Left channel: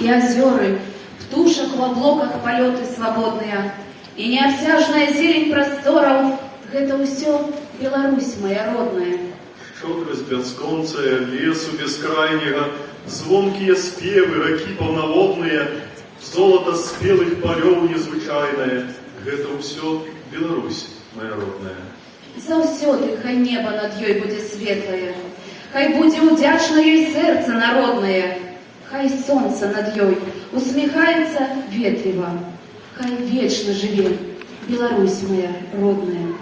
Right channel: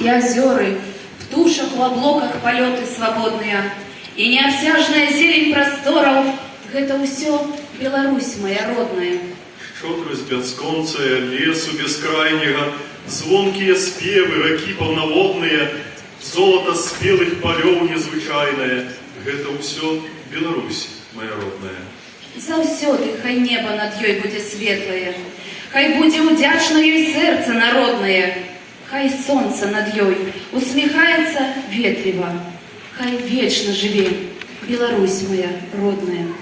и озеры, в тушах, в облоках полеты свободные, и необсяжная зелень просторов, это усё Беларусь моя родная. Шчодрасць бясконцая лесу бескрайняга, звонкія спевы ракі паўнаводныя, золата спелых палёў незвычайнае, гэта ўсё Беларусь моя родная. Заўсёды хай неба над ёй будзе светлае, хай будзе удзячна ёй сэрца народнае, хай сонца над ёй усміхаецца ветліва, хай вечна жыве Беларусь моя родная.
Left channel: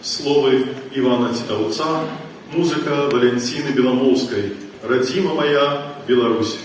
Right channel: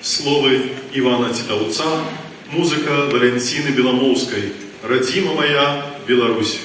Словы Івана Цітаўца, музыка Валентины Беломоўскай. Родима моя Беларусь.